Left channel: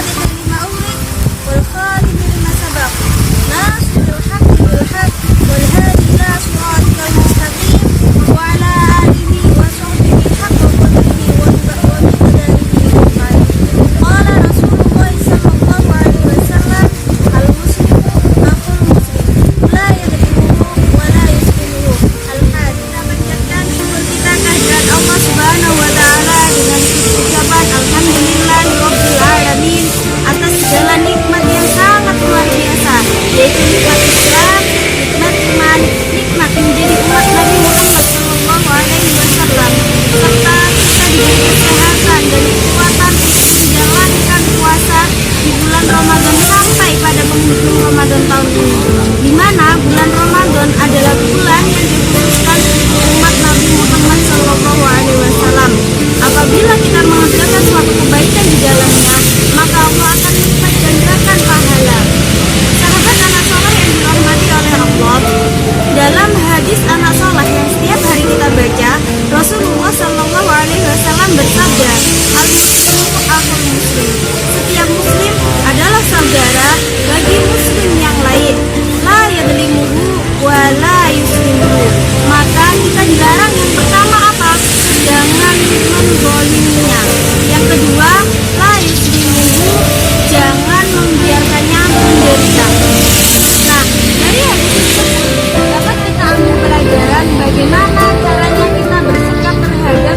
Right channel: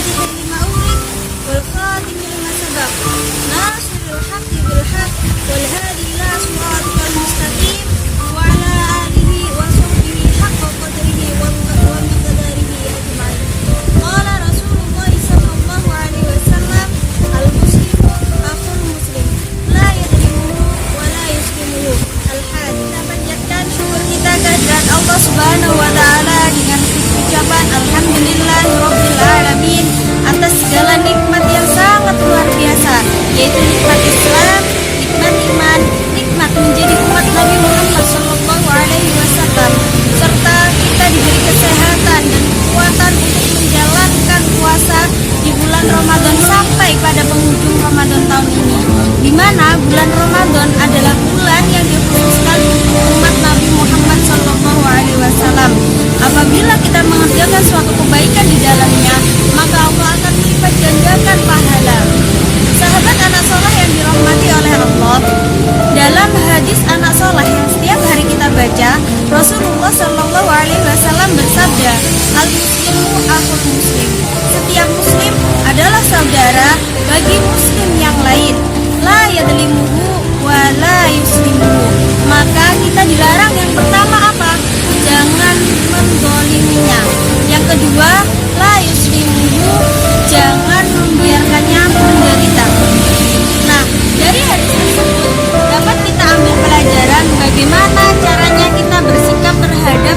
الفاتح لما أغلق والخاتم لما سبق ناصر الحق بالحق والهادي إلى صراطك المستقيم وعلى آله وصحبه حق قدره ومقداره أجمعين. قال رسول الله صلى الله عليه وسلم المسلم أخو المسلم لا يظلمه ولا يسلمه. Al-Hadid. Kita kepada Allah Subhanahu wa taala dengan ucapan alhamdulillahirabbil alamin atas segala nikmat yang sangat luar biasa, yaitu nikmat Islam, nikmat iman, nikmat menjadi umat Nabi Muhammad sallallahu alaihi wasallam, serta kita diberi kesehatan dan kekuatan untuk menjalankan puasa di bulan Ramadan sampai pada penghujung Ramadan tahun ini, di mana bulan Ramadan adalah bulan yang dikhususkan untuk umat Nabi Muhammad sallallahu alaihi wasallam. Apabila kita mengerjakan suatu kebaikan di dalamnya, maka Allah akan melipat gandakan pahala. Sahabat anak soleh yang dirahmati oleh Allah, dalam hadis anak soleh yang setiap hari kita baca, Rasulullah sallallahu alaihi wasallam bersabda, al-muslimu akhul muslim. Setiap muslim adalah saudara bagi muslim yang lain. La yadlimuhu wa la yuslimuhu. Maka kita dilarang yang pertama apa? Jangan menzaliminya. Yang kedua, la yuslimuhu, jangan membiarkannya menderita. Nah, dari hadis tersebut dapat kita ambil pelajaran bagaimana caranya kita bersikap terhadap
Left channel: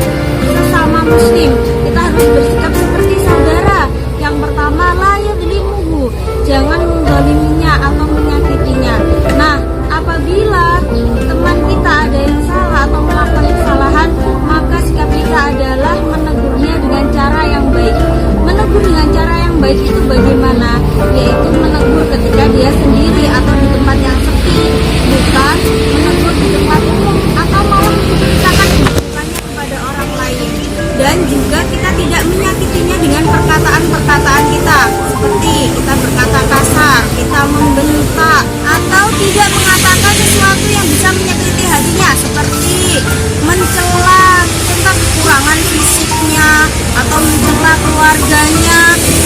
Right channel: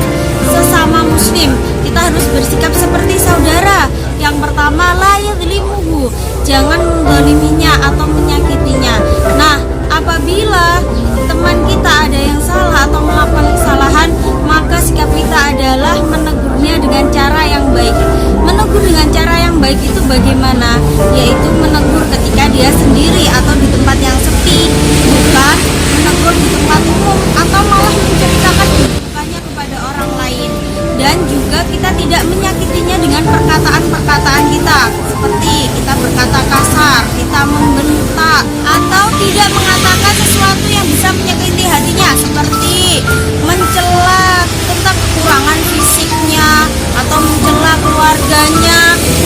sesama muslim. Kita harus bersikap seperti saudara. Yang pertama, la yadlimuhu, jangan menzaliminya atau menyakitinya. Nah, apabila teman kita ada yang salah atau melakukan kesalahan, maka sikap kita adalah menegurnya dengan cara yang baik. Menegur dengan cara yang baik itu bagaimana? Yaitu menegur ketika dia sendiri atau di tempat yang sepi, bukan menegur di tempat umum atau malah menceritakan keburukannya kepada orang lain. Dan juga kita tidak menyakitinya dengan perkataan-perkataan kita, seperti kita berkata kasar, kita membentak, atau tidak mengatakan sesuatu yang bisa menyakiti hatinya, seperti mencela tentang kekurangan fisiknya atau mencela keluarganya,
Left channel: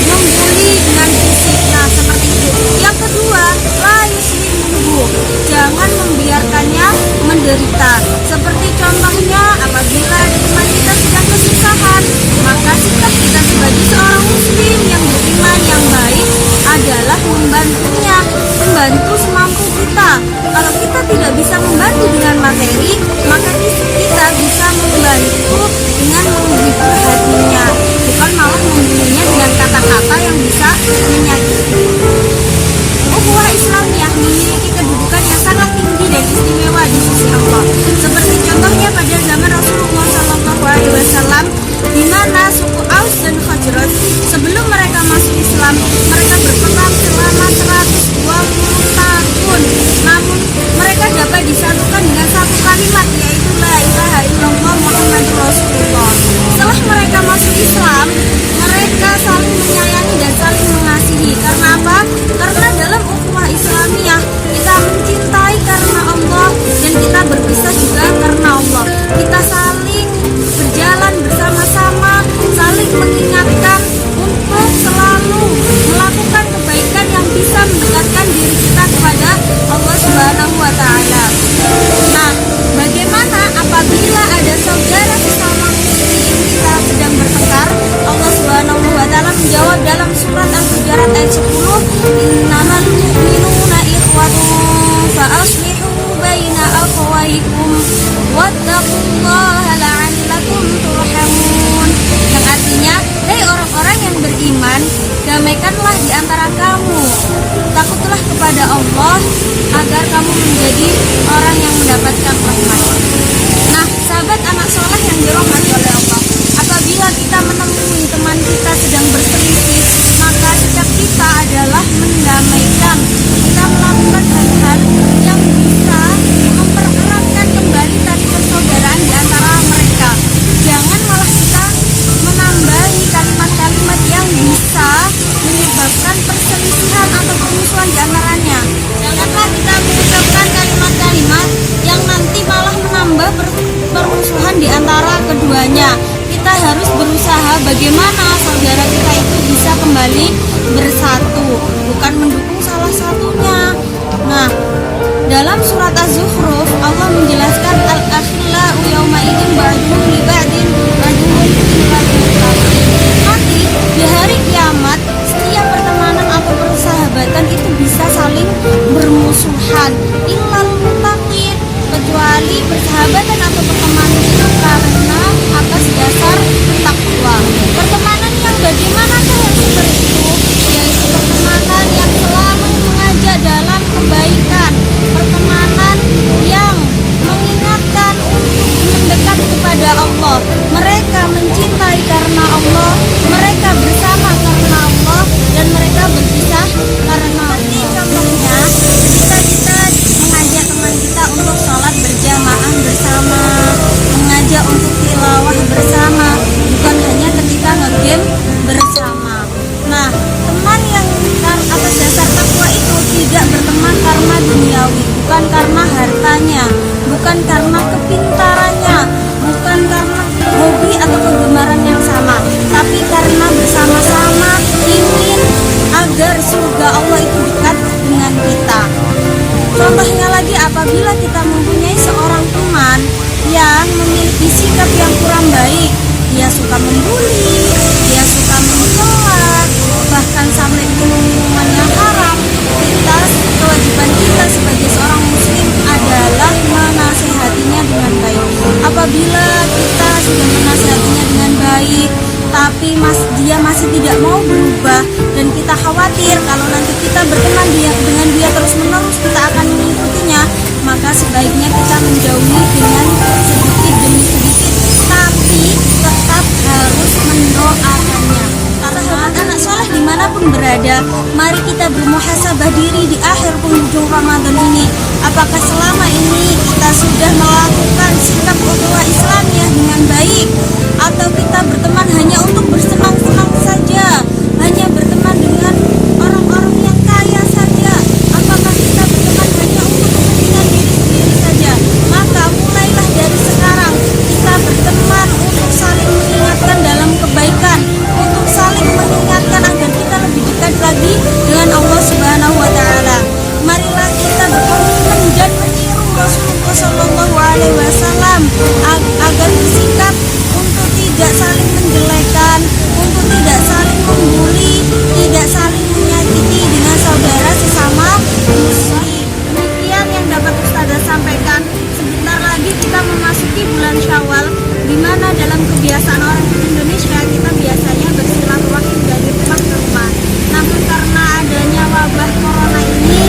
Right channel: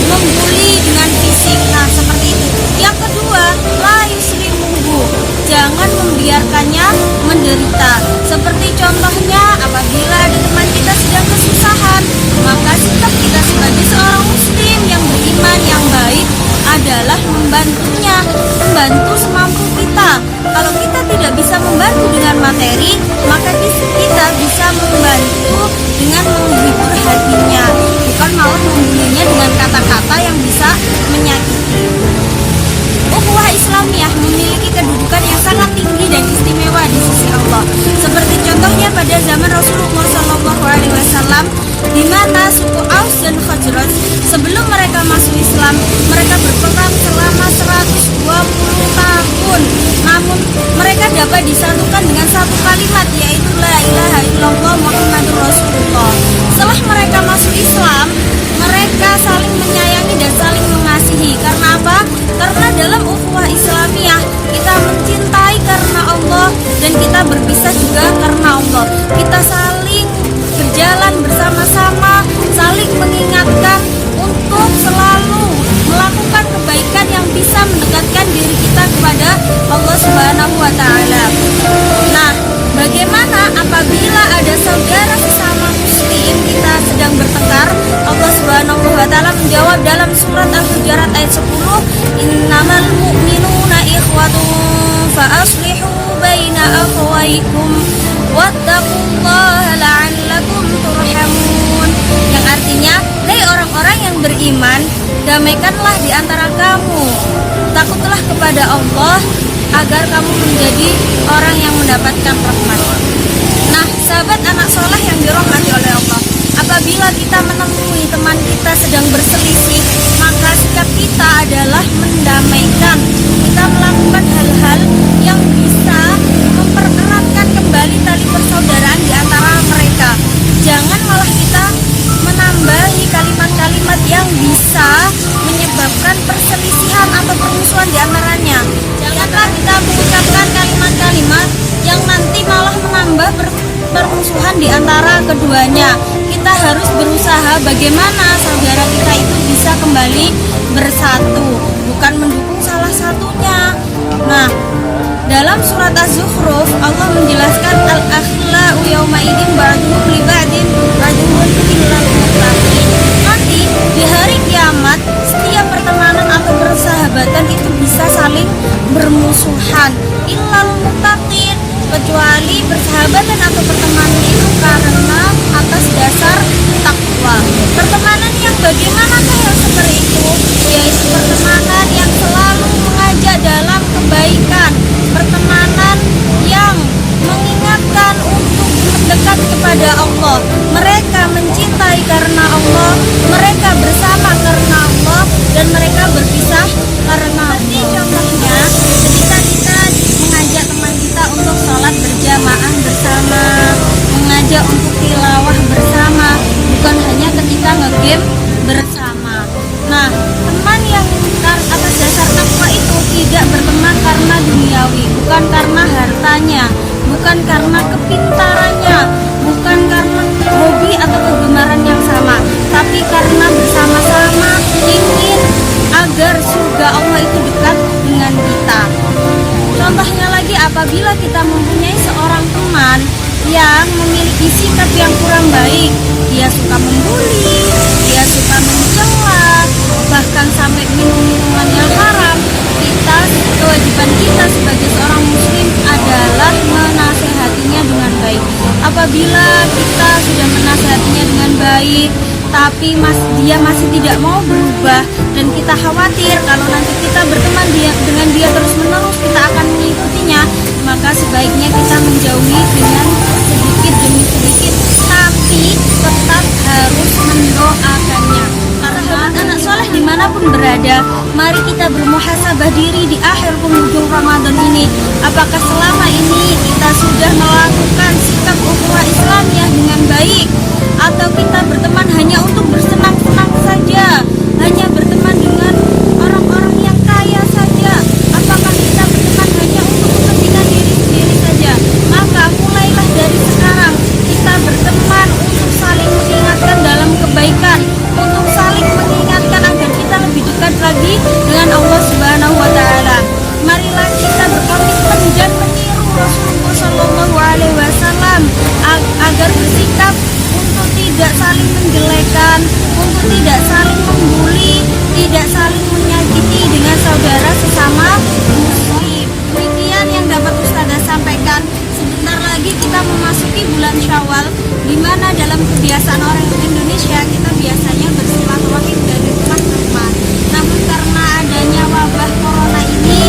membuli dengan fisiknya, seperti itu. Yang kedua, la yuslimuhu, jangan membiarkannya menderita. Seperti contohnya, apabila ada teman kita sedang kesusahan, maka sikap kita sebagai seorang muslim yang beriman yang baik adalah membantunya, membantu semampu kita. Kalau kita tidak bisa membantu dengan materi, maka kita bisa membantu dengan menghibur hatinya, bukan malah membunuhnya dengan kata-kata yang bisa menyakiti. Ukhuwah Islamiyah memiliki kedudukan yang sangat tinggi dan istimewa di sisi Allah. Seperti contohnya pada zaman Rasulullah SAW, di mana suku Aus dan Khazraj sebelum mereka masuk Islam, mereka berperang selama 120 tahun. Namun mereka dapat disatukan dengan satu kalimat, yaitu la ilaha illallah Muhammadur Rasulullah. Setelah mereka masuk Islam, mereka saling menyayangi dan saling mengasihi. Karena apa? Karena dalam ukhuwah Islamiyah kita mencintai karena Allah dan kita berpisah juga karena Allah. Kita saling berjalan bersama-sama, saling mengingatkan untuk selalu melakukan kebaikan yang bisa mendekatkan diri kita kepada Allah Subhanahu wa taala. Nah, bagaimana apabila ada saudara sesama muslim kita sedang bertengkar? Allah Subhanahu wa taala menjawab dalam surat Al-Hujurat ayat 10, innamal mu'minuna ikhwatun fa aslihu baina akhawaykum wattaqullaha la'allakum turhamun. Yang artinya, hai orang-orang yang beriman, damaikanlah di antara kamu, takutlah kepada Allah agar kamu menjadi orang yang mendapatkan rahmat. Nah, sahabat anak soleh yang dirahmati oleh Allah, apabila kita menemui teman kita sedang berselisih, maka sikap kita adalah mendamaikan. Kita melakukan hal-hal yang bisa mempereratkan kembali tali persaudaraan di antara mereka. Jangan malah kita menambahi kalimat-kalimat yang bisa menyebabkan perselisihan atau permusuhan di antaranya. Janganlah kita mengucapkan kalimat-kalimat yang nanti malah menambah permusuhan di antara keduanya. Kita harus berusaha bagaimana saudara kita itu bisa kembali bersatu, bukan mendukung salah satunya. Nah, dalam surat Az-Zukhruf Allah menjelaskan al-akhillau yauma idzin ba'duhum li ba'din aduwwun illa al-muttaqin. Nanti di hari kiamat setiap pertemanan atau persahabatan itu bisa saling bermusuhan, illal muttaqin, kecuali persahabatan atau pertemanan itu karena atas dasar takwa. Pertemanan yang bagaimana yang seperti itu? Yaitu pertemanan yang selalu mengajak dalam kebaikan, pertemanan yang mengingatkan untuk mendekat kepada Allah. Mereka mencintai karena Allah, mereka bersama karena Allah, dan mereka berpisah karena Allah. Contohnya, ketika kita mengajak teman kita untuk sholat berjamaah bersama, mengajak untuk tilawah bersama, bukan hanya ketika nge-game bersama. Nah, teman yang atas dasar takwa itu tidak berteman karena duniawi, bukan karena hartanya, bukan karena kepintarannya, bukan karena hobi atau kegemaran yang sama, tapi karena bersama-sama ingin agar surga Allah itu dekat dengan kita. Contohnya lagi, apabila kita mempunyai seorang teman yang memiliki sikap yang kurang baik, dia suka membuli, dia suka mencela, bahkan sampai minum-minuman yang haram, kewajiban kita sebagai seorang muslim adalah menasehatinya dengan baik. Apabila kita sudah menasehatinya dengan baik, tapi dia masih tidak mau berubah, dan kita khawatir kalau nanti kita berteman dengan dia terus-menerus kita akan mengikutinya, maka sebaiknya kita menjauhi dengan sedikit demi sedikit, tapi tetap harus mendoakannya. Karena anak soleh dimanapun berada, mari kita bermuhasabah diri di akhir penghujung Ramadan ini. Apakah selama ini kita sudah melakukan sikap ukhuwah Islamiyah dengan baik, atau kita berteman hanya untuk bersenang-senang saja, hanya berteman dengan orang-orang yang kaya saja? Apakah kita berteman hanya untuk kepentingan diri sendiri saja? Maka mulailah dari sekarang kita berteman untuk saling mengingatkan dalam kebaikan, untuk saling mengingatkan agar kita lebih dekat lagi dengan Allah Subhanahu wa Ta'ala. Marilah kita berkomitmen dan meniru Rasulullah Shallallahu Alaihi Wasallam agar bersikap untuk tidak saling menjelekan, untuk tidak saling membuli, tidak saling menyakiti dengan saudara sesama muslim. Demikian yang dapat Ustazah sampaikan. Sebentar lagi kita memasuki bulan Syawal, di mana dalam kebiasaan orang Indonesia kita biasanya bersilaturahmi dari rumah ke rumah. Namun karena adanya wabah corona ini,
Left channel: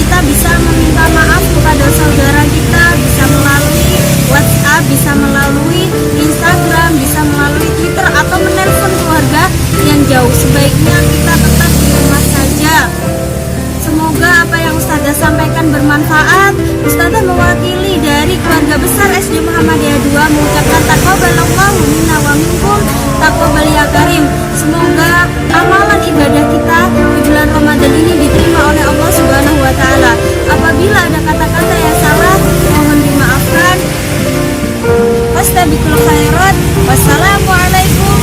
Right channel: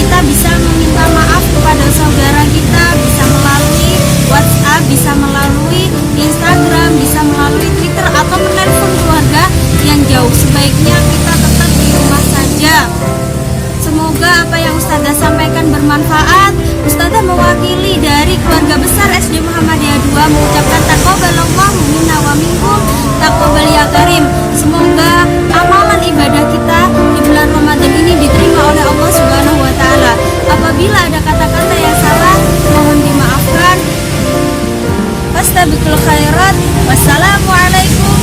kita bisa meminta maaf kepada saudara kita, bisa melalui WhatsApp, bisa melalui Instagram, bisa melalui Twitter, atau menelpon keluarga yang jauh. Sebaiknya kita tetap di rumah saja. Semoga apa yang Ustazah sampaikan bermanfaat. Ustazah mewakili dari keluarga besar SD Muhammadiyah 2 mengucapkan taqabbalallahu minna wa minkum taqabbal ya karim. Semoga amalan ibadah kita di bulan Ramadan ini diterima oleh Allah Subhanahu wa Ta'ala. Apabila ada kata-kata yang salah, mohon dimaafkan. Wastabiqul khairat. Wassalamualaikum